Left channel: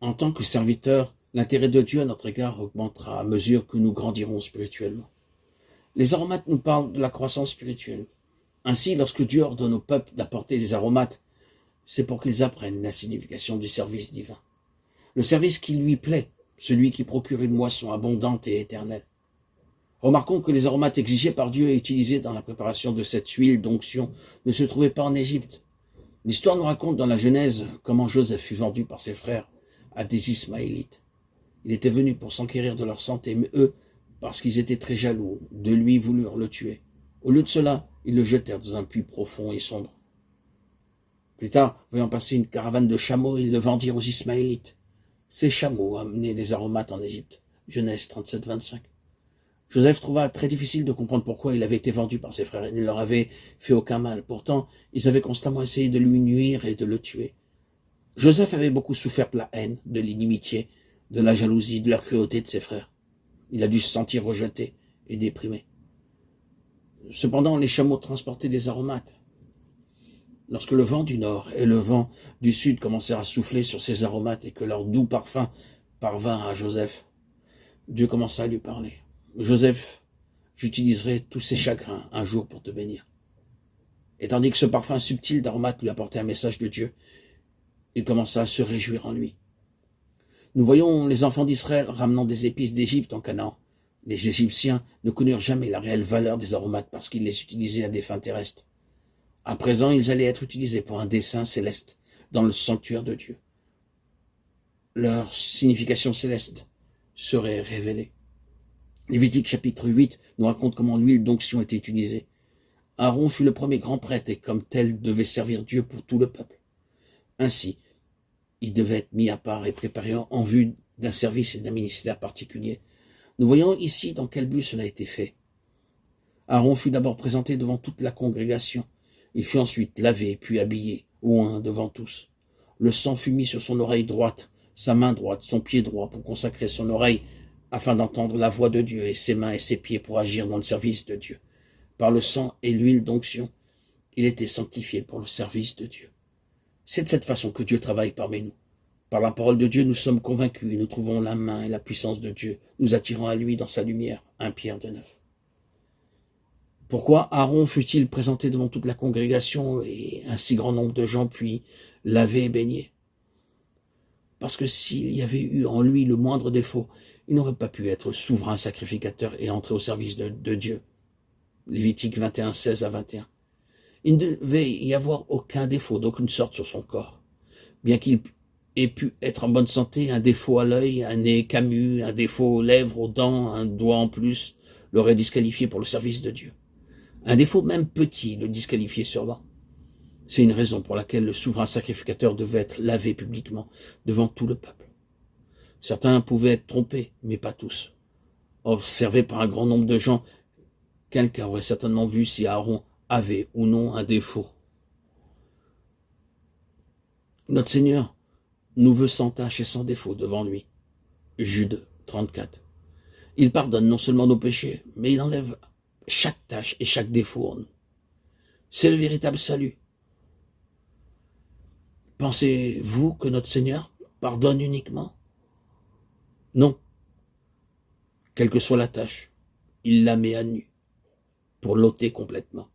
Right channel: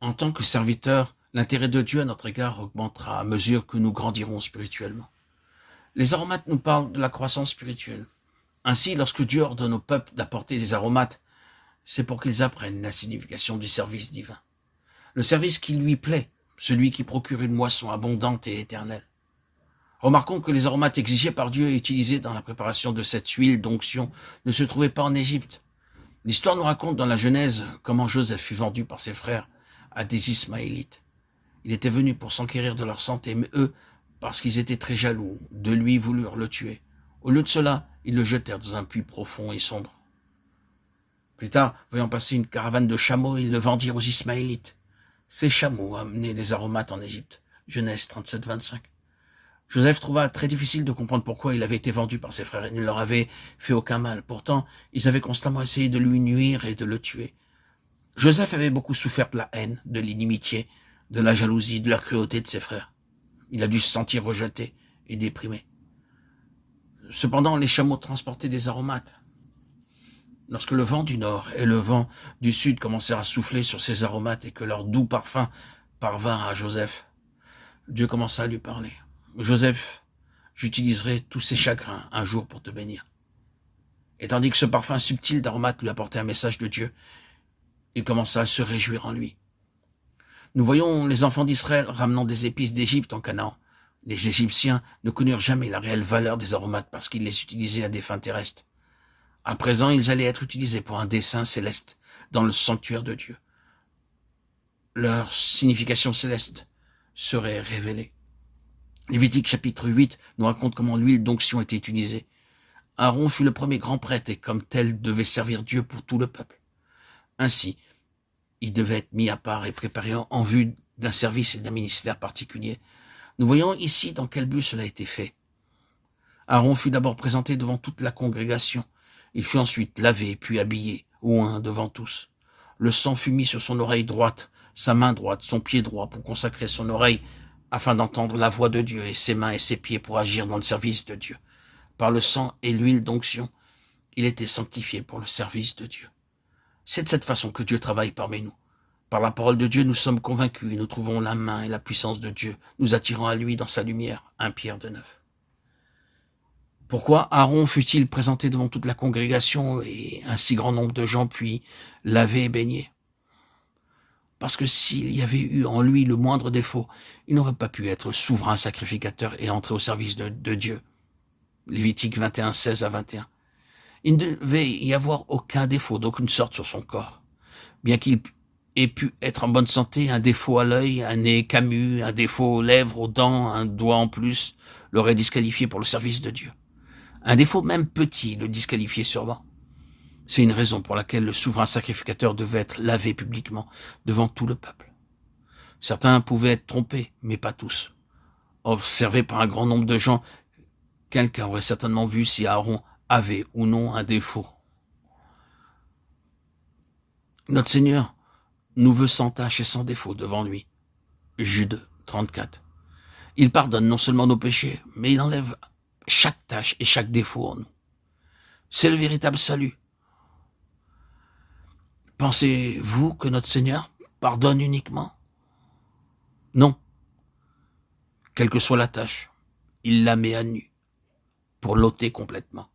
En tant que serviteurs, l'intérêt de Dieu à notre égard augmentera à mesure que nous grandirons spirituellement. Les aromates nous parlent de la croissance spirituelle. Ainsi, lorsque Dieu ordonne au peuple d'apporter des aromates, c'est pour qu'ils apprennent la signification du service divin. Le service qui lui plaît, celui qui procure une moisson abondante et éternelle. Remarquons que les aromates exigés par Dieu et utilisés dans la préparation de cette huile d'onction ne se trouvaient pas en Égypte. L'histoire nous raconte dans la Genèse comment Joseph fut vendu par ses frères à des Ismaélites. Il était venu pour s'enquérir de leur santé, mais eux, parce qu'ils étaient très jaloux de lui, voulurent le tuer. Au lieu de cela, ils le jetèrent dans un puits profond et sombre. Plus tard, voyant passer une caravane de chameaux, ils le vendirent aux Ismaélites. Ces chameaux amenaient des aromates en Égypte. Genèse 37, 25. Joseph trouva très difficile de comprendre pourquoi il avait été vendu par ses frères. Il ne leur avait fait aucun mal. Pourtant, ils avaient constamment essayé de lui nuire et de le tuer. Joseph avait beaucoup souffert de la haine, de l'inimitié, de la jalousie, de la cruauté de ses frères. Il a dû se sentir rejeté et déprimé. Cependant, les chameaux transportaient des aromates. Lorsque le vent du nord et le vent du sud commencèrent à souffler sur ces aromates et que leur doux parfum parvint à Joseph, Dieu commença à lui parler. « Joseph, j'utiliserai tous ces chagrins un jour pour te bénir. » Et tandis que ce parfum subtil d'aromates lui apportait un message de Dieu, il commença à se réjouir en lui. Nous voyons les enfants d'Israël ramenant des épices d'Égypte en Canaan. Les Égyptiens ne connurent jamais la réelle valeur des aromates parce qu'ils les utilisaient à des fins terrestres. À présent, ils allaient être utilisés pour un dessein céleste dans le sanctuaire de Dieu. Leur signification céleste serait révélée. Lévitique chapitre 8 nous raconte comment l'huile d'onction était utilisée. Aaron fut le premier grand prêtre et comme tel devait servir Dieu pour tout le peuple. Ainsi, il devait être mis à part et préparé en vue d'un service et d'un ministère particulier. Nous voyons ici dans quel but cela a été fait. Aaron fut d'abord présenté devant toute la congrégation. Il fut ensuite lavé puis habillé, oint devant tous. Le sang fut mis sur son oreille droite, sa main droite, son pied droit pour consacrer son oreille afin d'entendre la voix de Dieu et ses mains et ses pieds pour agir dans le service de Dieu. Par le sang et l'huile d'onction, il était sanctifié pour le service de Dieu. C'est de cette façon que Dieu travaille parmi nous. Par la parole de Dieu, nous sommes convaincus et nous trouvons la main et la puissance de Dieu, nous attirant à lui dans sa lumière. 1 Pierre 2,9. Pourquoi Aaron fut-il présenté devant toute la congrégation et un si grand nombre de gens puis lavé et baigné? Parce que s'il y avait eu en lui le moindre défaut, il n'aurait pas pu être souverain sacrificateur et entrer au service de Dieu. Lévitique 21, 16 à 21. Il ne devait y avoir aucun défaut d'aucune sorte sur son corps. Bien qu'il ait pu être en bonne santé, un défaut à l'œil, un nez camus, un défaut aux lèvres, aux dents, un doigt en plus, l'aurait disqualifié pour le service de Dieu. Un défaut même petit le disqualifiait sûrement. C'est une raison pour laquelle le souverain sacrificateur devait être lavé publiquement devant tout le peuple. Certains pouvaient être trompés, mais pas tous. Observés par un grand nombre de gens, quelqu'un aurait certainement vu si Aaron avait ou non un défaut. Notre Seigneur nous veut sans tache et sans défaut devant lui. Jude 34. Il pardonne non seulement nos péchés, mais il enlève chaque tâche et chaque défaut en nous. C'est le véritable salut. Pensez-vous que notre Seigneur pardonne uniquement? Non. Quelle que soit la tâche, il la met à nu pour l'ôter complètement.